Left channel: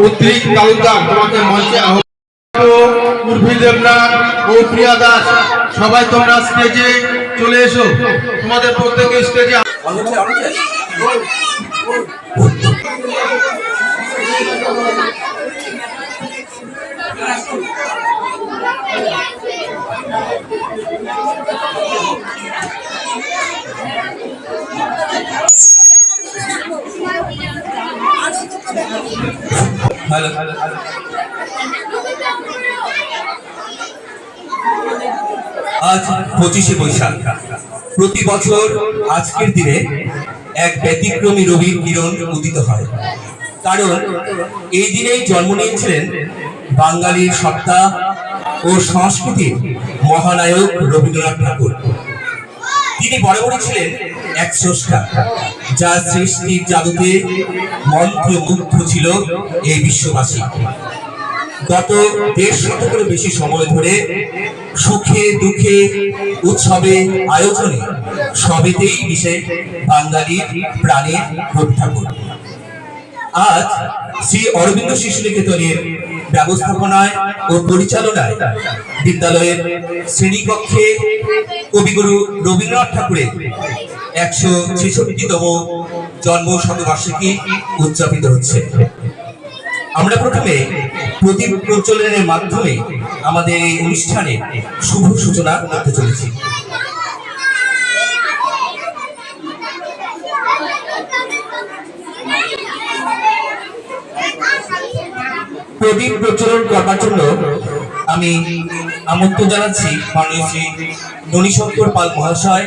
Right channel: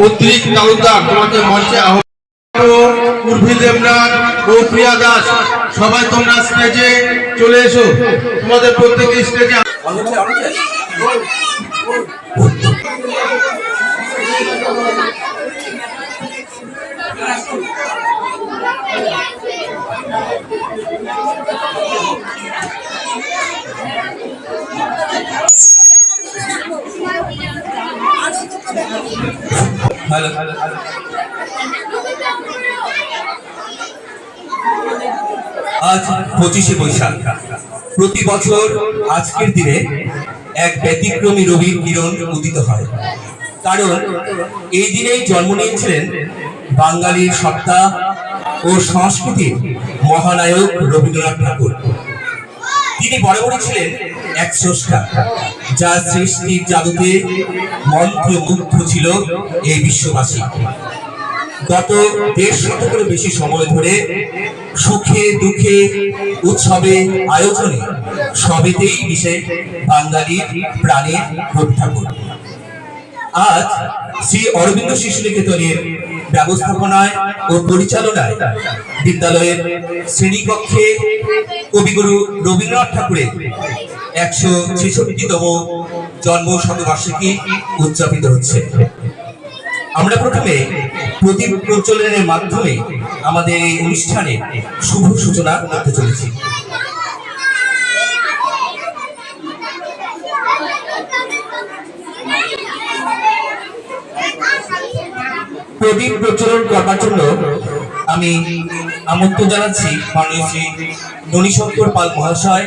উদ্রিক তালুকদার তোমাকে মঞ্চে আহ্বান। উর্ফি দেবনাথ ও প্রিয়া দাস সবাই তোমরা স্টেজে চলে এসো। তোমাদের প্রত্যেকে স্টেজে আজ 25শে বৈশাখ। প্রতি বছর আজকের দিনে এক ব্যতিক্রমী রবির কিরণ উদিত হয়, কারণ এই দিনেই জন্ম নিয়েছিলেন বাঙালির সত্তা ও সংস্কৃতির মহানায়ক রবীন্দ্রনাথ ঠাকুর। তিনি বরাবরই ছিলেন এক স্রষ্টা, যার সৃষ্টির জাদুতে মন্ত্রমুগ্ধ ছিল এই বিশ্ববাসী। গত ১.৫ শতকেরও বেশি সময় ধরে সুখে দুঃখে উৎসবে আয়োজনে সবেতেই মিশে বাঙালির প্রাণের রবি ঠাকুর। আজ শ্রী অরবিন্দ শিশু নিকেতনের ব্যবস্থাপনায় ও পরিচালনায় বিদ্যালয়ের শ্রেণীকক্ষে কবিগুরু রবীন্দ্রনাথ ঠাকুরের ১৬৬তম জন্ম শতবার্ষিকী উদযাপিত হচ্ছে। আমরা প্রথমে প্রদীপ প্রজ্বলনের মাধ্যমে আমাদের এই অনুষ্ঠানে শুভ সূচনা করতে চলেছি। প্রদীপ প্রজ্বলন করবার জন্য আমি আমন্ত্রণ জানাচ্ছি মাননীয় শ্রী ননীশঙ্কর পাল মহাশয়,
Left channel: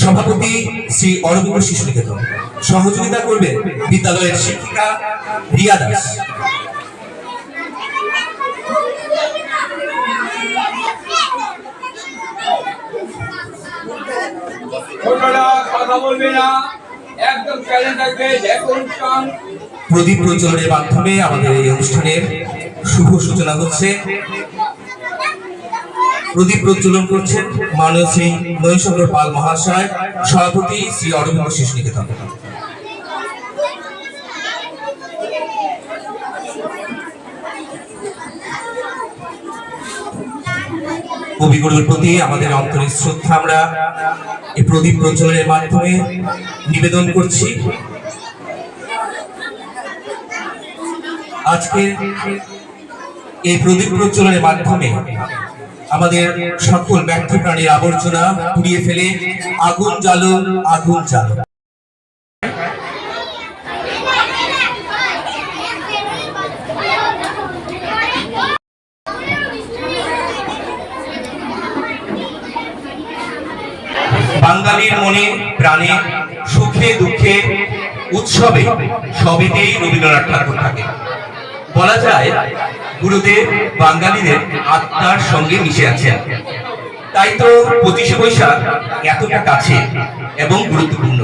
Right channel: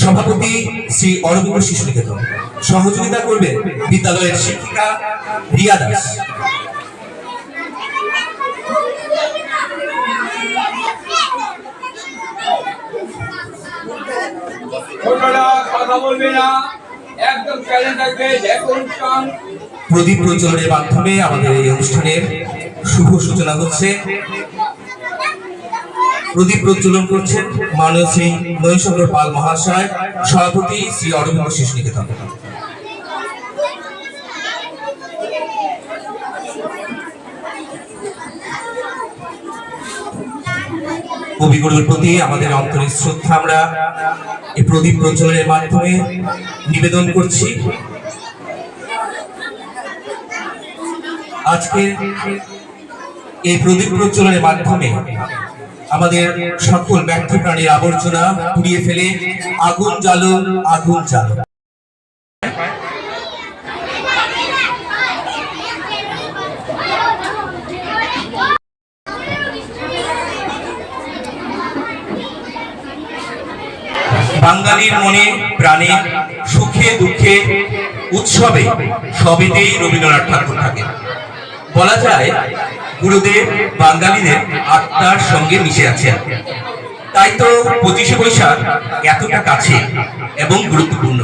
সভাপতি শ্রী অরবিন্দ শিশু নিকেতন। সহযোগিতা করবেন বিদ্যালয়ের শিক্ষিকা রিয়া দাস। প্রদীপ প্রজ্বলনের মাধ্যমে আমাদের এই অনুষ্ঠানের শুভ সূচনা হচ্ছে। প্রদীপ প্রজ্বলন করছেন মাননীয় শ্রী ননীশঙ্কর পাল মহাশয়, সভাপতি শ্রী অরবিন্দ শিশু নিকেতন। কবিগুরুর প্রতি আমাদের অন্তরের শ্রদ্ধা আমরা এই প্রদীপ প্রজ্বলনের মাধ্যমে নিবেদন করছি। আজকে এই প্রদীপ প্রজ্বলনের মাধ্যমে আমাদের সকল ব্যর্থ প্রাণীর আবর্জনা পুড়িয়ে ফেলে আগুন জ্বালো, আগুন জ্বালো। বাঙালির মনে প্রাণে সুখে দুঃখে উৎসবে সবেতেই রবীন্দ্রনাথ ঠাকুর থাকে। বলা যায় গুরুদেব বাঙালিদের আত্মার সঙ্গে মিশে আছেন। তাই তো 25শে বৈশাখ এতটা কাছে এবং গুরুত্বপূর্ণ।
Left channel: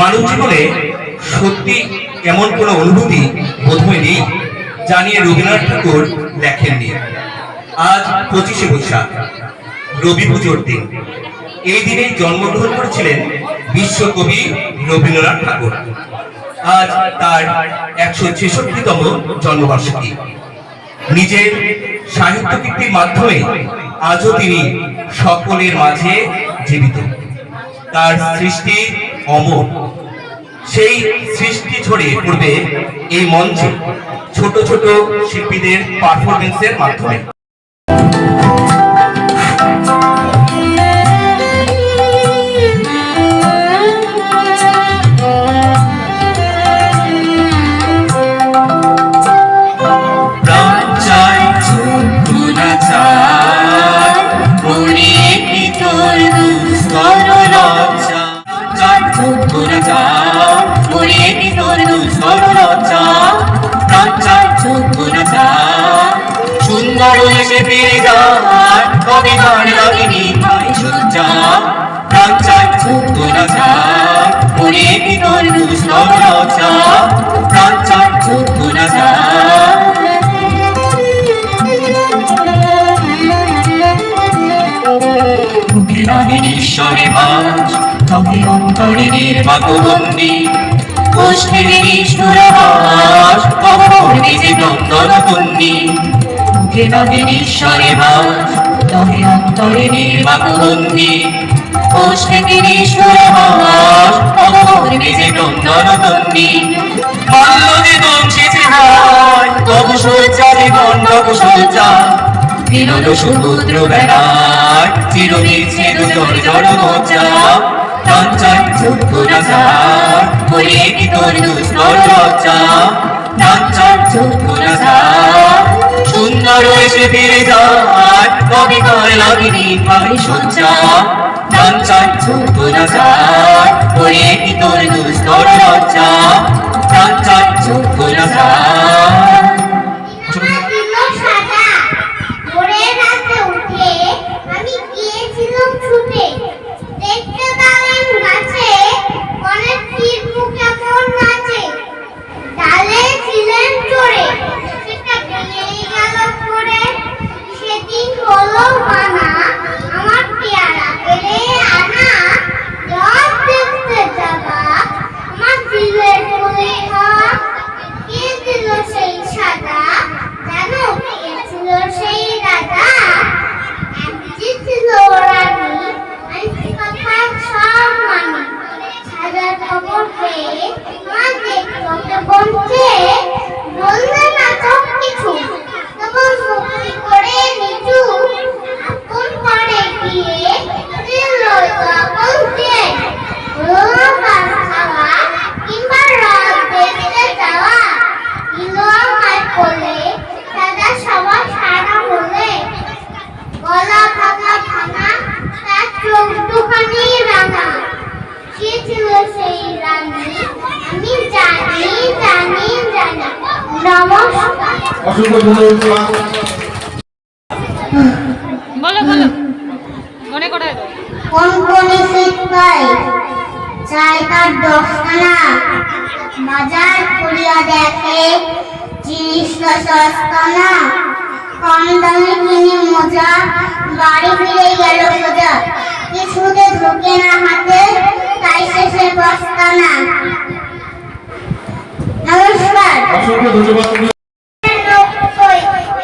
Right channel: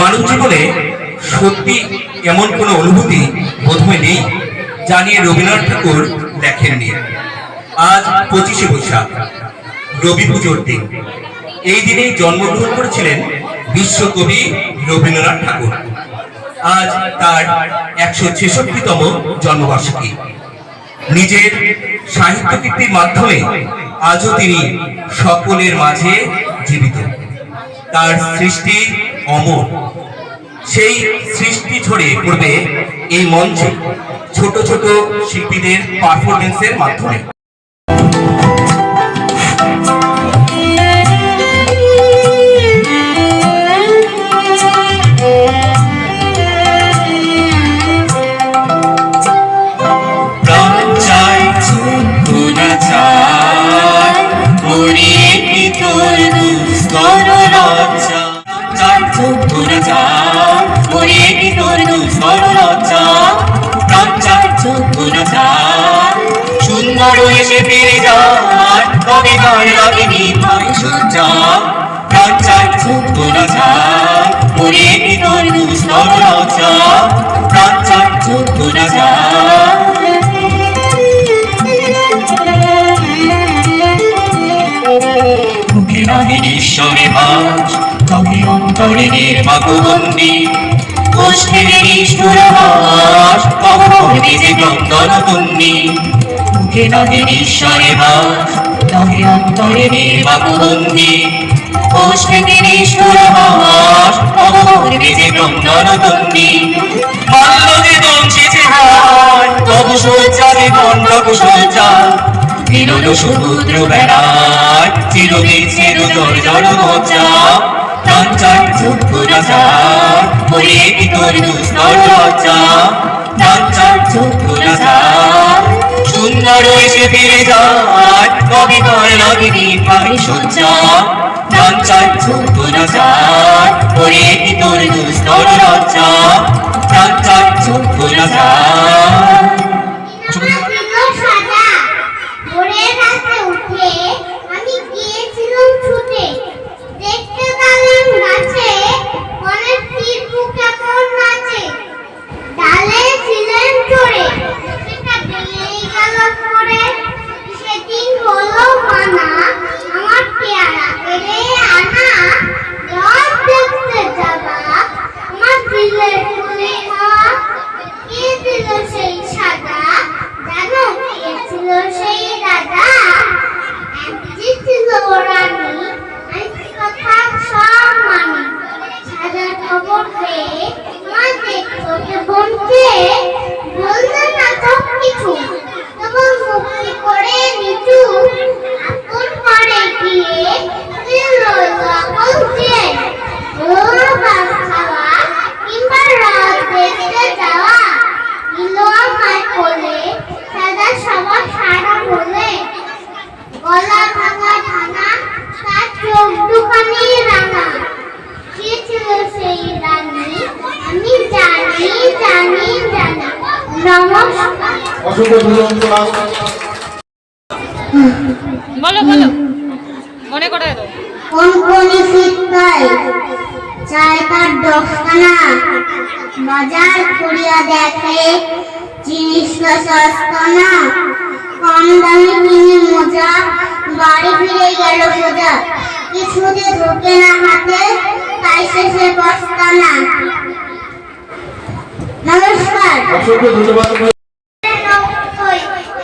মানব জীবনে সত্যি এমন কোনো অনুভূতি বোধহয় নেই যা নিয়ে রবীন্দ্রনাথ ঠাকুর লেখেননি। আজ 25শে বৈশাখ, রবি পুজোর দিন। এই দিনেই জন্মগ্রহণ করেছিলেন বিশ্বকবি রবীন্দ্রনাথ ঠাকুর। আজ তার ১৬৬তম জন্মবার্ষিকী। নিজের সাহিত্য কীর্তির মাধ্যমে আজও তিনি সকলের মাঝে জীবিত। তার সৃষ্টি অমর। সেই সৃষ্টি ছড়িয়ে পড়বে এই মঞ্চে ছোট ছোট শিল্পীদের পারফরমেন্সের মাধ্যমে। ঈশ্বরে ভাজ তবে অন্তরে নির্মাকবন্দি কোষ থেকে নিষ্ঠুর আভাস, কখন বেজে ক্রন্দন তন্নি। মুখে নহে ঈশ্বরে ভাস, নহে অন্তরে নির্বাক বন্দি। কোষ থেকে নিষ্ঠুর আভাস, কখন বেজে ক্রন্দন তন্নি। বাল্য যে দংশেছে হায়, তবু সজ্জা জীবন তবু সজ্জা। বিনোদ সমুদ্র বেড়ায়, চিরবিচ্ছেদ জড় মজ্জা। ডাঞ্চার যোগ্য না যায়, বলে কি তোর দুস্তর লজ্জা। ডাঞ্চার যোগ্য না যায়, সুন্দর এসে ফিরে যায়, কবি করে লাগেনি পারে সজ্জা। ডাঞ্চার যোগ্য না যায়, বলে কি তোর দুস্তর লজ্জা। ডাঞ্চার যোগ্য না যায়। ভোরের রাতে উঠে আমি গিয়েছিলাম ছুটে, দেখতে পেলাম গাছে অনেক তীর মুখে কেমন নাচে। ডালে ছিলেন চড়ে, সেটা দিয়েই গেল পড়ে। সেদিন হলো মানা, আমার পেয়ারা পেলে আনা। রথ দেখতে যাবা, আমার দিলের ফুলে হাত। কে দিল সেই সাদা, জানো কে ছিল সেই রাজা? একটি ছিল রানী, আমি কথা সব মানি। সাজার খবর পেয়ে মা দেখলো কেমন চেয়ে, বললে না সব কিছু, তবু মুক্তি করে নিচু। আপন করে গিয়ে দিল সকল চেয়ে, হলো ভাত খাওয়া কিংবা রথ দেখতে যাওয়া। দিল আমায় কোলে, দাদা সবার সারা বলে। গলা ভাঙা ভাঙা, তার চোখ দুখানি রাঙা। কে ছিল সেই রানী, আমি জানি জানি জানি। নমস্কার। অসংখ্য ধন্যবাদ। বলো বলো মনে করে দাও। কোন কোন শিক্ষায় চাই তার 10খানা, বাজার করিয়া দেখে জিনিসটা সস্তা না। কম দামে কিনে মজা, বাড়ি ফিরে গেল সোজা। কিছুতে ঢোকে না হাতে, তাই শেষে বস্তা না। নমস্কার। অসংখ্য ধন্যবাদ।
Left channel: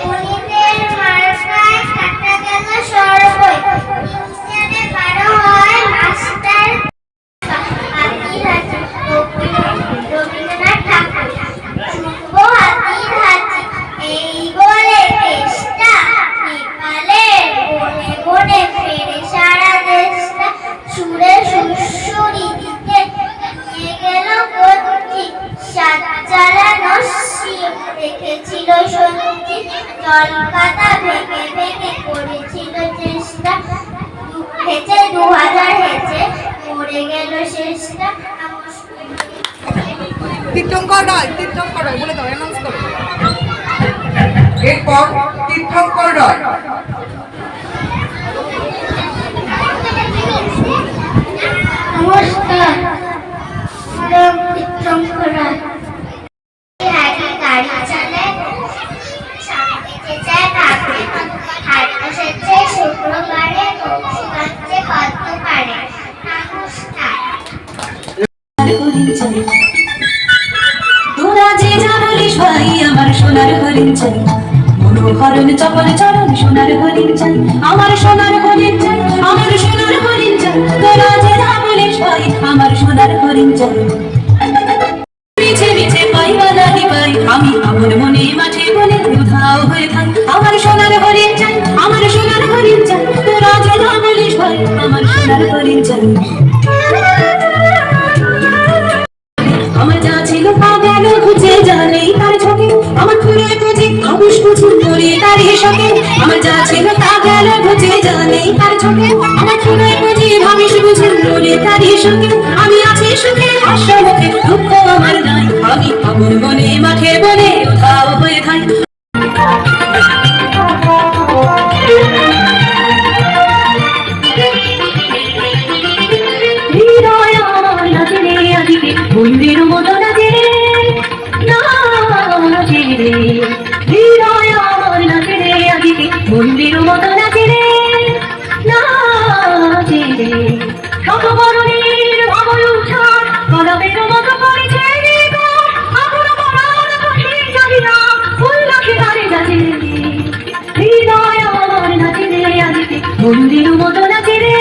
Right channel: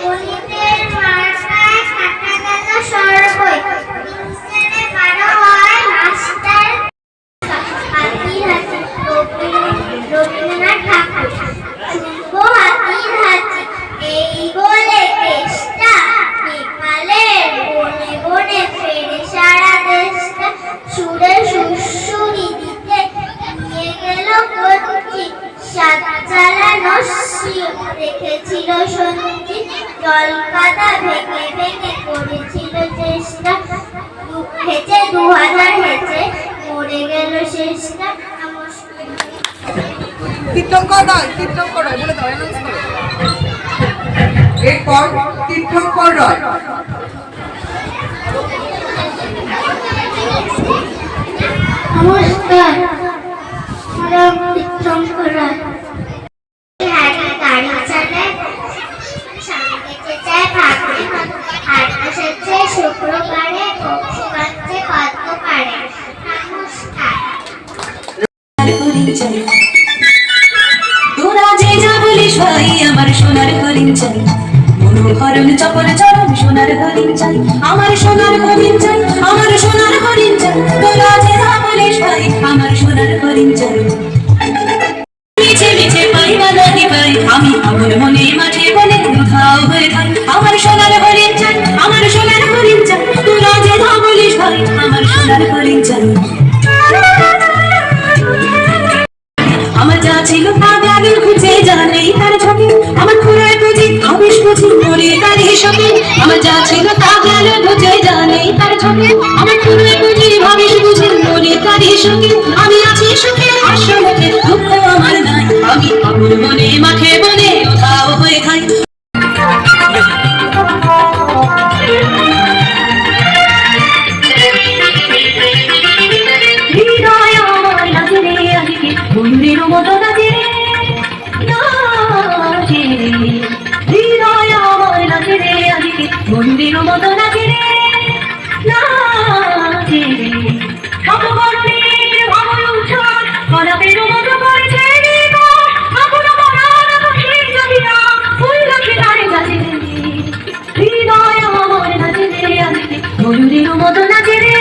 গণিতের মার্কায় কাটা গেল সর্বই। ইংরেজিতে 12 হয় মাস্টার। হাতির হাতি রবীন্দ্রনাথ ঠাকুর। শুভ হাতির হাতি, এই বলে দেশটা নেপালের বনে বনে ফেরে সারা দেশটা। সুরে সুরসুরি দিতে নিয়ে গেল কচ্ছি, সাত চালানো শিব দেখেছিল সত্যি। জলকাদা ভেঙে ভেঙে করেছিল চেষ্টা, হেঁচে 2000 হেঁচে মরে গেল শেষটা। তীর্থঙ্কর রায়, তীর্থঙ্কর রায় বলে দাও, অ্যানাউন্স করো। এরপর তীর্থঙ্কর রায়। নমস্কার, তীর্থঙ্কর রায়। হাঁটি গাড়ি চালায়, সামনে চেঁচায় ঠাকুর। হাট বসেছে শুক্রবারে, বংশী বাজছে কত কারে। নমস্কার। তোরা যে যা বলিস ভাই, আমার সোনার হরিণ চাই। মনোহরণ চপল চরণ সোনার হরিণ চাই, আমার সোনার হরিণ চাই, আমার সোনার হরিণ চাই। তোরা যে যা বলিস ভাই, আমার সোনার হরিণ চাই। মিছে মিছে পাই বা নাহি পাই, আমি আমার মনে মাঠে বলে উধাও হয়ে থাই। আমার সোনার হরিণ চাই, আমার সোনার হরিণ চাই। তোরা যে যা বলিস ভাই, আমার সোনার হরিণ চাই। আমার যা ছিল তা গেল খুঁজে, জানেই তার ছবি। আমার খুঁড়ে বুঝি আবিষ বুঝি মরে তার হিসাবে। আমার যা ছিল তা গেল খুঁজে, জানেই তার ছবি। আমার খুঁড়ে বুঝি ভাবিস বুঝি মরে তার হিসাবে। আমি আছি সুখে হাস্য মুখে, দুঃখ আমার নাই। আমি আমার মনে মাখে বলে উধাও হয়ে থাই। হৃদয় আমার লাগে রে আদিকে, বন্ধুর মতো লাগে রে, লাগে রে। হৃদয় আমার লাগে রে আদিকে, বন্ধুর মতো লাগে রে, লাগে রে। সকবরণের ভাবল উচ্ছ্বাস, কলাপের মতো করেছে রে। হৃদয় আমার নাচে রে আজকে বন্ধুর মতো নাচে রে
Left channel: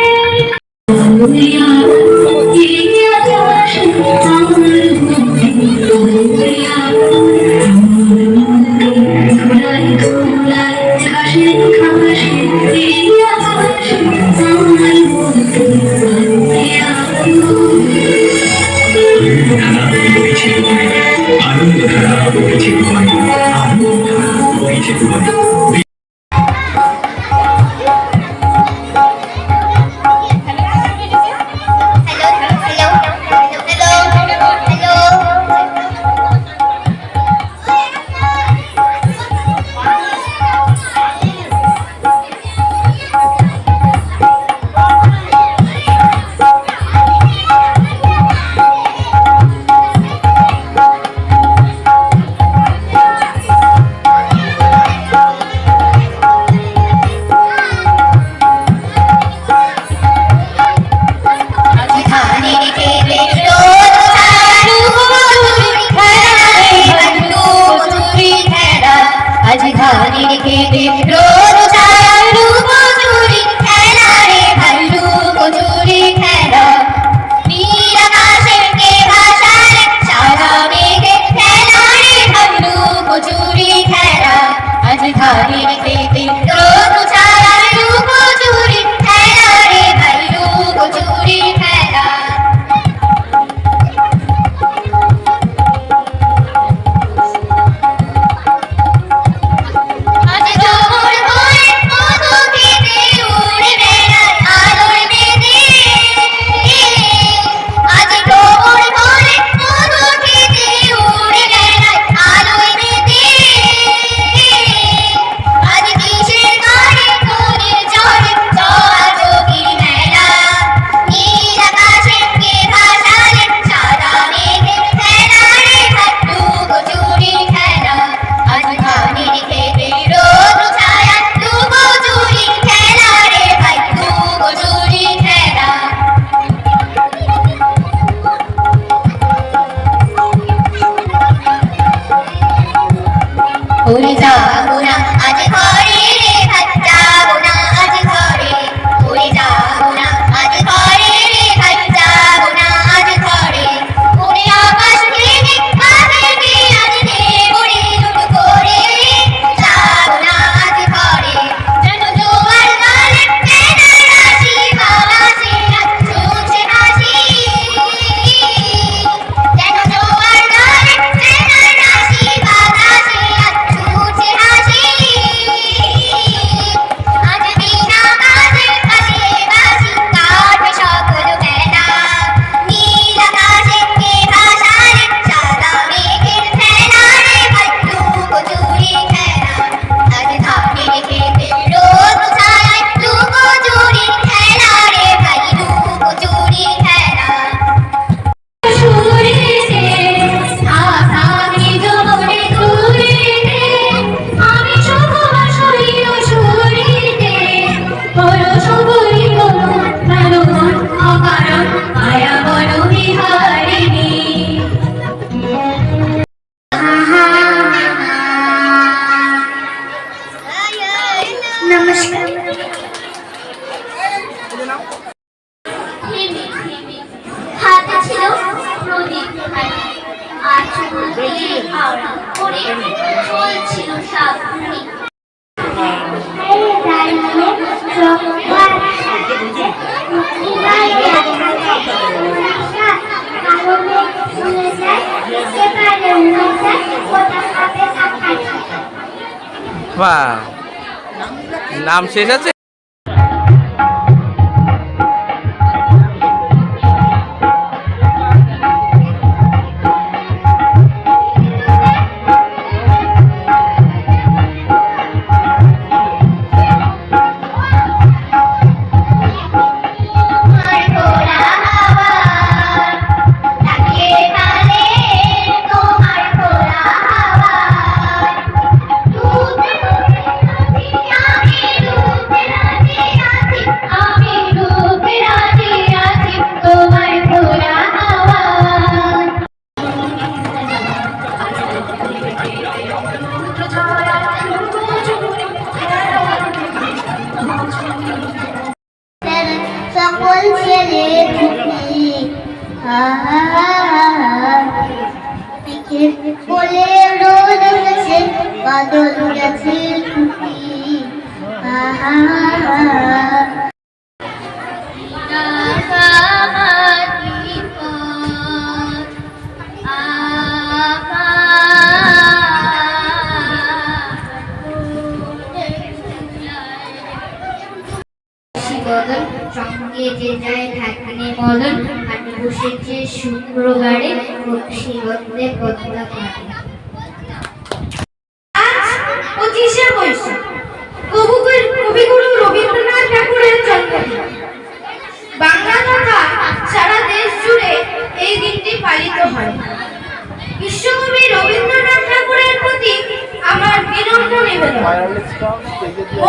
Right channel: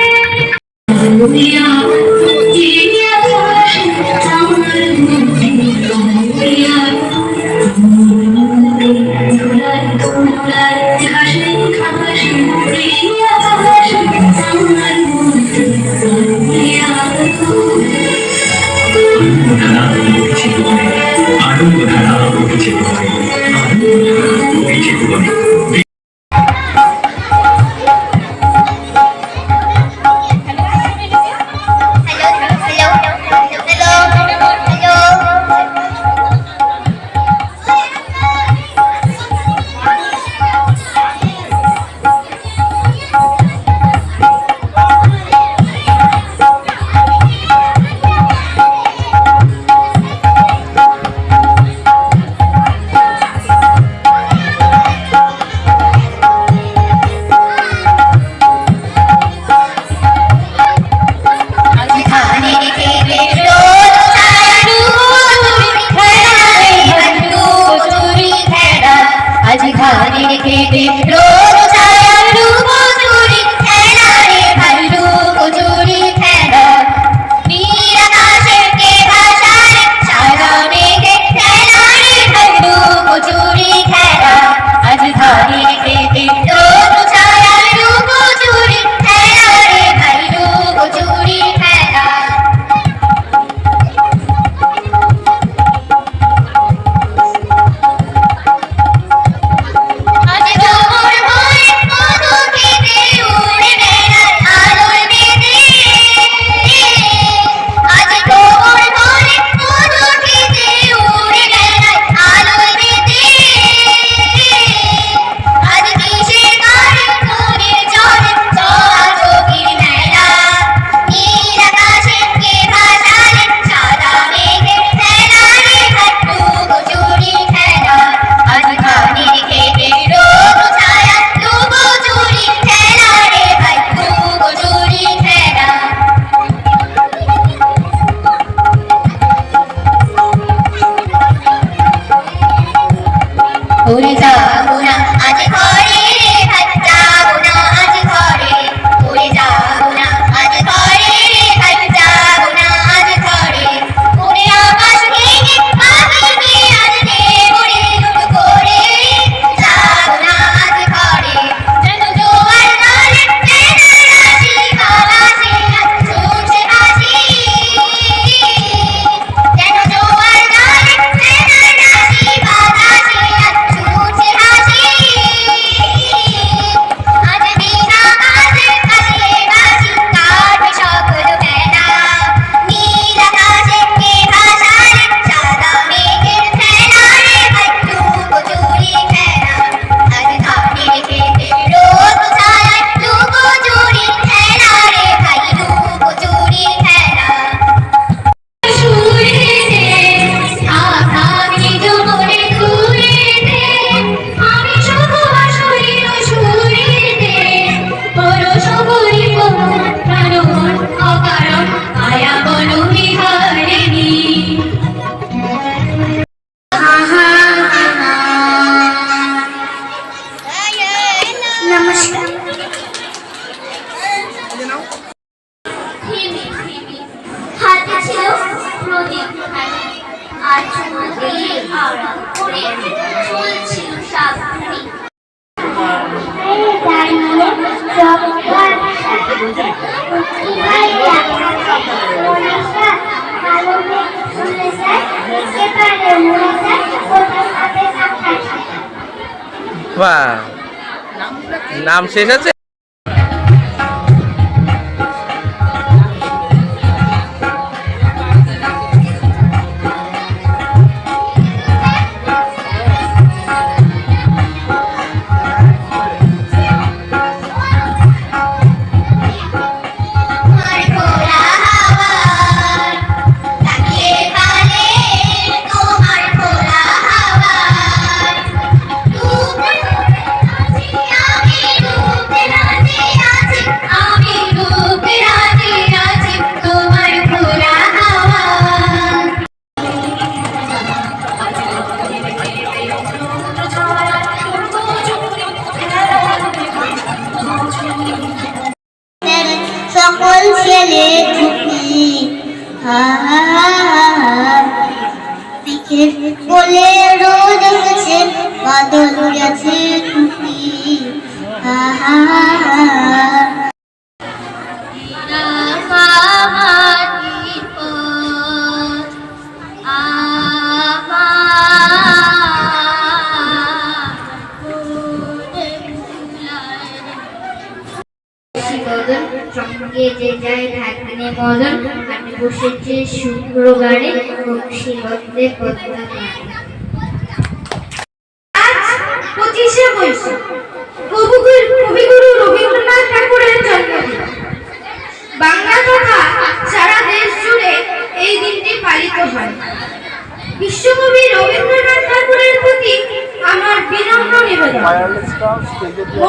বাহ, নাম শেষ আছে। আমি দিকের বলে রোদ গেছে বাদল গেছে টুপি সঙ্গে যে যায় ঢাকিনে মদন হাটে বসেছে শুক্রবারে বংশীগন্ধে পদ্মা পাড়ে। আজ 25শে বৈশাখ কবিগুরু রবীন্দ্রনাথ ঠাকুরের জন্মদিন। বাংলা তথা সারা দেশ জুড়ে এই দিনটি পালিত হয়। বিশ্বকবি রবীন্দ্রনাথ ঠাকুরের প্রতি আমার বিনম্র নিবেদন,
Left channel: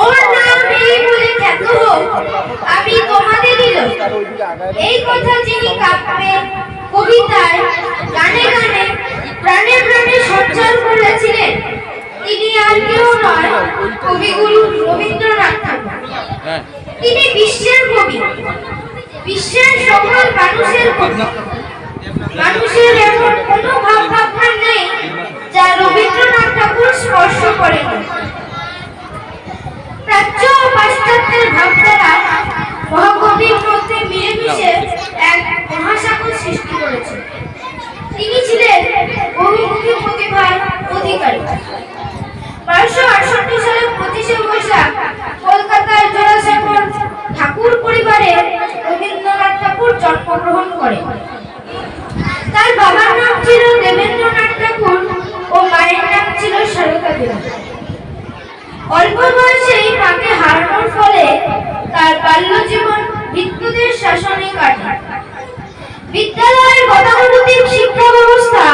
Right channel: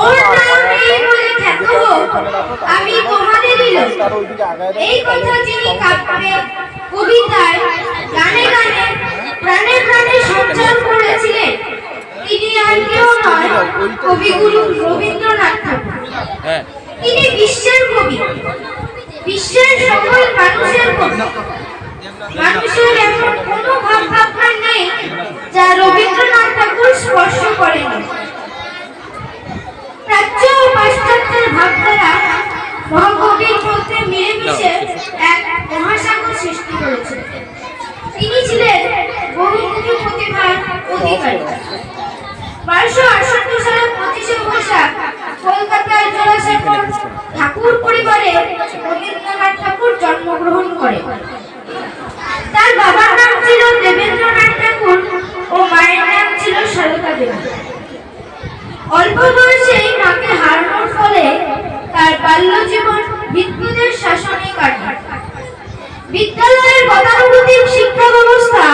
ওর নাম এই বলে খ্যাত হোক আমি তোমাদেরই লোক। এই কথা যিনি কাব্যে, কবিতায়, গানে গানে, প্রাণে প্রাণে সঞ্চার করেছিলেন তিনি আর কেউ নয়, কবিগুরু রবীন্দ্রনাথ ঠাকুর। তিনি বিশ্বের কবি, বিশ্বের সকল মানুষের কবি। মানুষের এমন কোনো ভাবনা নেই যা রবীন্দ্রনাথ ঠাকুর স্পর্শ করেনি। প্রাচ্য ও পাশ্চাত্যের ভাবধারা মহাকবির মধ্যে মিলেমিশে এক মহাসাগর সৃষ্টি করেছে। তিনি ছিলেন বহুমুখী প্রতিভার অধিকারী। 1268 সালের 25শে বৈশাখ কলকাতার জোড়াসাঁকোর ঠাকুর পরিবারে রবীন্দ্রনাথ ঠাকুর জন্মগ্রহণ করেন। তার বাবার নাম ছিল দেবেন্দ্রনাথ ঠাকুর ও মায়ের নাম ছিল সারদা দেবী। অল্প বয়সেই মাকে হারানোর ফলে তার বাল্য জীবন ভিক্ষুদের শাসনে কাটে। বিদ্যালয়ের গতানুগতিক শিক্ষা ব্যবস্থা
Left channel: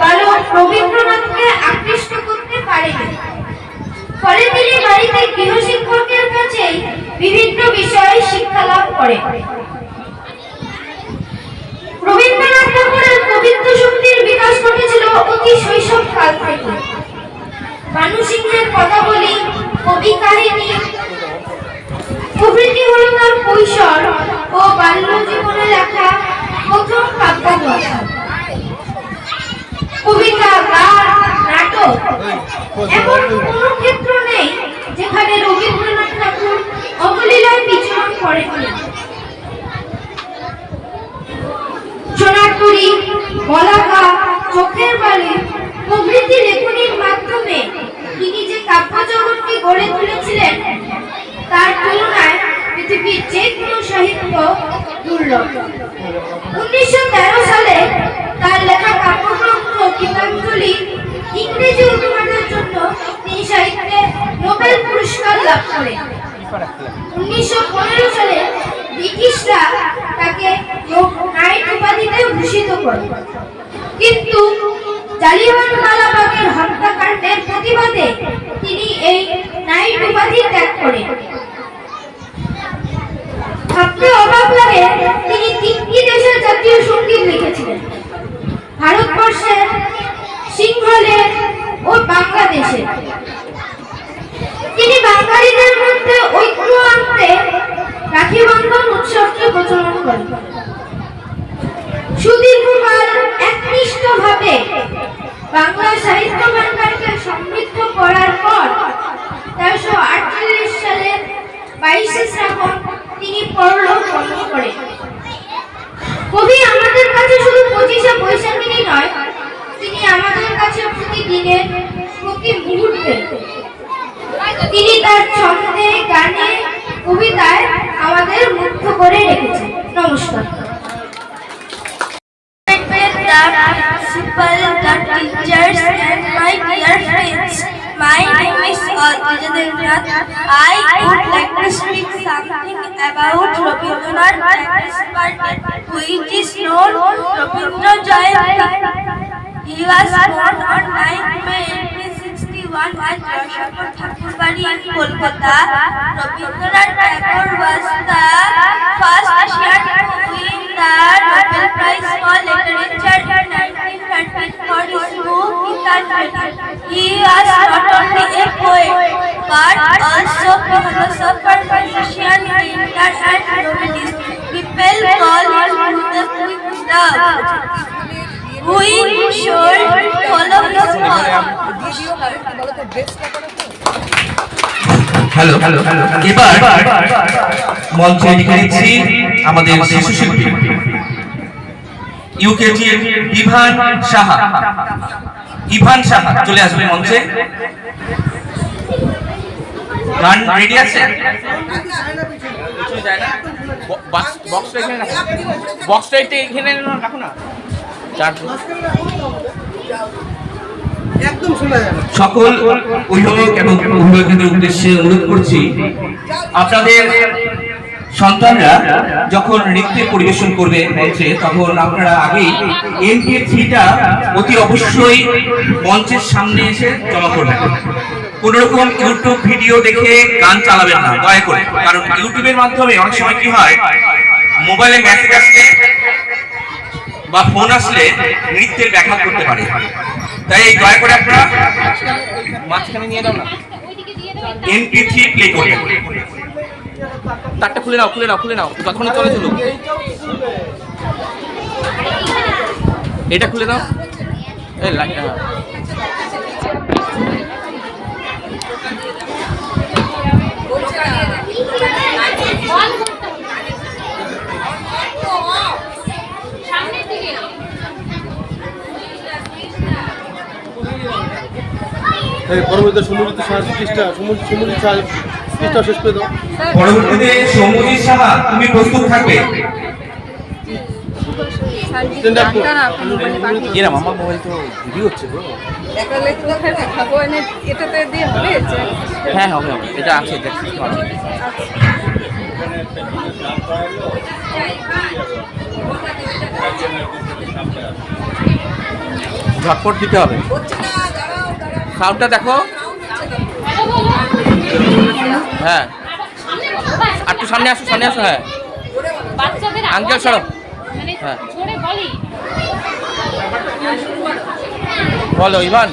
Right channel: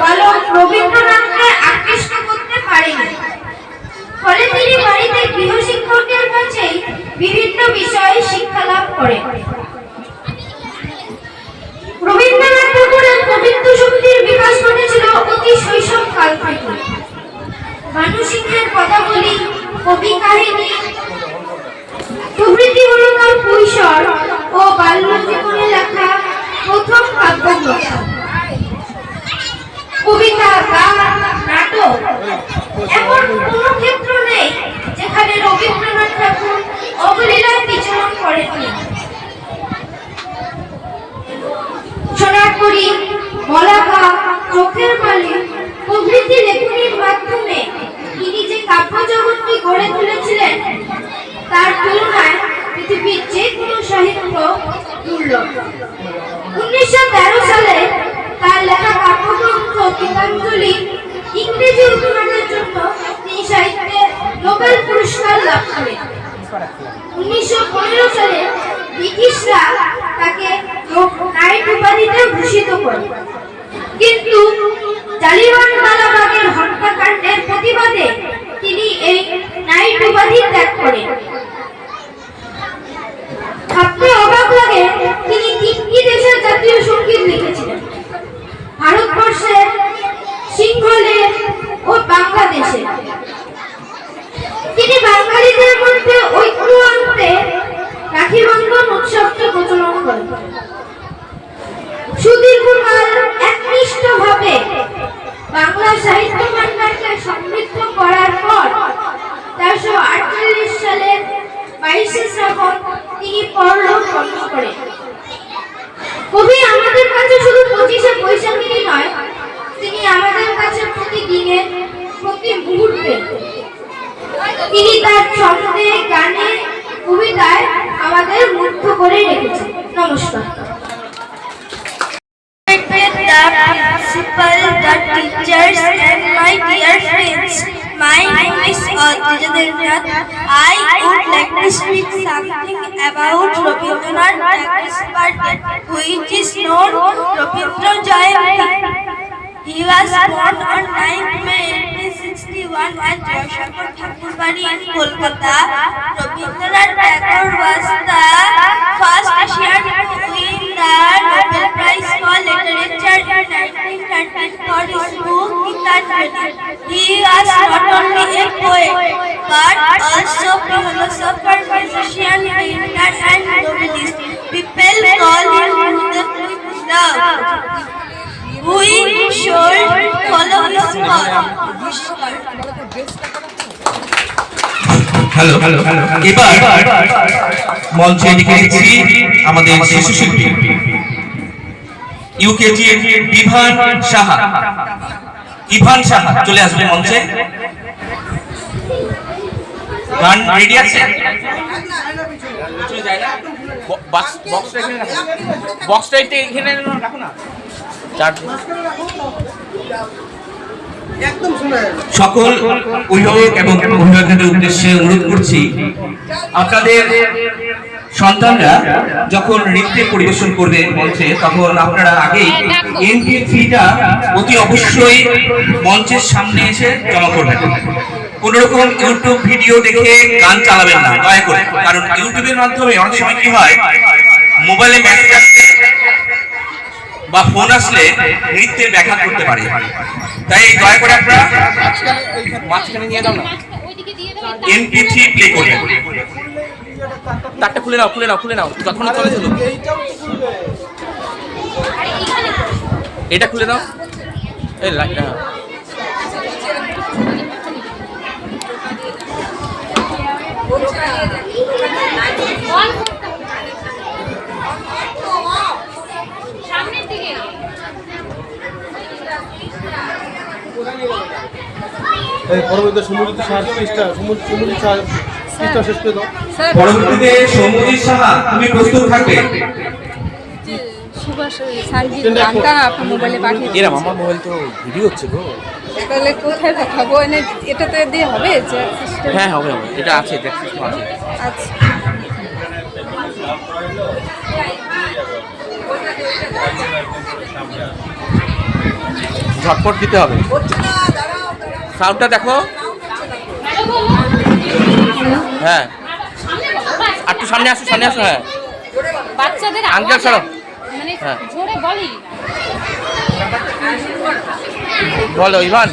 বালক রবীন্দ্রনাথকে আকৃষ্ট করতে পারেনি। ফলে তিনি বাড়িতে গৃহশিক্ষকের কাছেই বিভিন্ন বিষয়ে শিক্ষা লাভ করেন। রবীন্দ্রনাথ ঠাকুরের কবিত্ব শক্তির বিকাশ ঘটেছিল অতি শৈশব কাল থেকে। মানুষিকের কথাবলি, কবি কাহিনী প্রভৃতি হল তার কৈশোর ও বাল্য জীবনে লেখা প্রথম কাব্যগ্রন্থ। কবিতা, গান, নাটক এমন কোনো ক্ষেত্র নেই যেখানে রবীন্দ্রনাথ ঠাকুর অবলীলায় বিচরণ করেননি। সোনারপুরি, বলাকা, চোখের বালি প্রভৃতি লেখনীর মাধ্যমে তিনি যে কাব্য জগৎটি গড়ে তুলেছিলেন তার তুলনায় পৃথিবীর যে কোনো সাহিত্য দুর্লভ। 1913 সালে তার লেখা কাব্যগ্রন্থ গীতাঞ্জলি ইংরেজি অনুবাদের জন্য তিনি সাহিত্যে নোবেল পুরস্কার লাভ করেন। 1915 সালে ব্রিটিশরা তাকে নাইট উপাধিতে ভূষিত করে, কিন্তু জালিয়ানওয়ালাবাগের হত্যাকাণ্ডের প্রতিবাদে তিনি এই নাইট উপাধি ত্যাগ করেন। ভাবতে অবাক লাগে তিনি 3টি দেশের জাতীয় সঙ্গীত লিখেছিলেন, ভারতবর্ষের, সিংহলের ও বাংলাদেশের। তিনি বাঙালিদের মধ্যে ঐক্য আনতে রাখি বন্ধন উৎসবকে প্রচলন করেন। সুদীর্ঘকাল একনিষ্ঠভাবে বাংলা সাহিত্য ভান্ডারকে সমৃদ্ধ করার পর 1348 সালের 22শে শ্রাবণ তিনি পরলোক গমন করেন। কবি আমাদের কাছে শুধু 25শে বৈশাখেরই নয়, তিনি আমাদের কাছে প্রতিদিনে, প্রতি মুহূর্তে তিনি তার ছন্দে, গানে, কবিতায় আমাদের মুগ্ধ করে রেখেছেন। নমস্কার। Principal, the teachers and my dear friends, my name is Tejadendrath. I would like to speak something about Rabindranath Tagore's birthday, which is known Rabindra Jayanti. He was born on 9th May 1861 at Joshapur Thakurbari in Kolkata. Rabindranath Tagore was the first Asian to win the Nobel Prize for Literature in 1913 for his book Gitanjali. He was not only a poet but also a philosopher, musician, painter and novelist. People call him the King of Love. should follow the path. Hello এবার মঞ্চে ডেকে নিচ্ছি আমাদের শিশু শিল্পী UKG Ivan Saha চলে আসবে মঞ্চে। গান রেডি আছে? বক্সটা এখানে রাখো, বক্সটা এখানে রাখো না। সকল অভিভাবক এবং অভিভাবকদের উদ্দেশ্যে অনুরোধ করছি, আপনাদের সন্তানরা যখন নৃত্য পরিবেশন করবে মঞ্চে, তখন আপনারা আগেই MP3টা অতি অবশ্যই মঞ্চের সামনে এসে জমা করবেন। কোন রকম ইউটিউব ভিডিও দেখে গান চালাবেন না দয়া করে, কারণ ইউটিউবের মাধ্যমে অনেক সময় কি হয়, মোবাইলে মেসেজ আসলে বা ফোন আসলে নৃত্যের ব্যাঘাত করতে পারে। তাই দয়া করে আপনারা মাঝখানে নিয়ে দাও না, MP3 প্লে করবেন। তারটা খুলে নাও যতক্ষণ চলে চলো, এটা খুলে দাও। এই লাইটটা পরবর্তীতে সমুদ্র পৃষ্ঠা শেষ করে দাও। পরবর্তীতে সমুদ্র সাহা তুমি প্রস্তুত থাকবে। এরম আমার মোবাইল তো ভিডিও হচ্ছে গো। কোথায় দেখাবো? এটাতে দিয়ে হবে? হ্যাঁ হবে, এটা আছে, জ্যাক সিস্টেম আছে। ঝটপট দিতে হবে। সাউন্ডটা দেখো। হ্যাঁ আর একটু সামনে আসো হ্যাঁ আঙ্কেল সরো। হ্যাঁ বলো ইভান।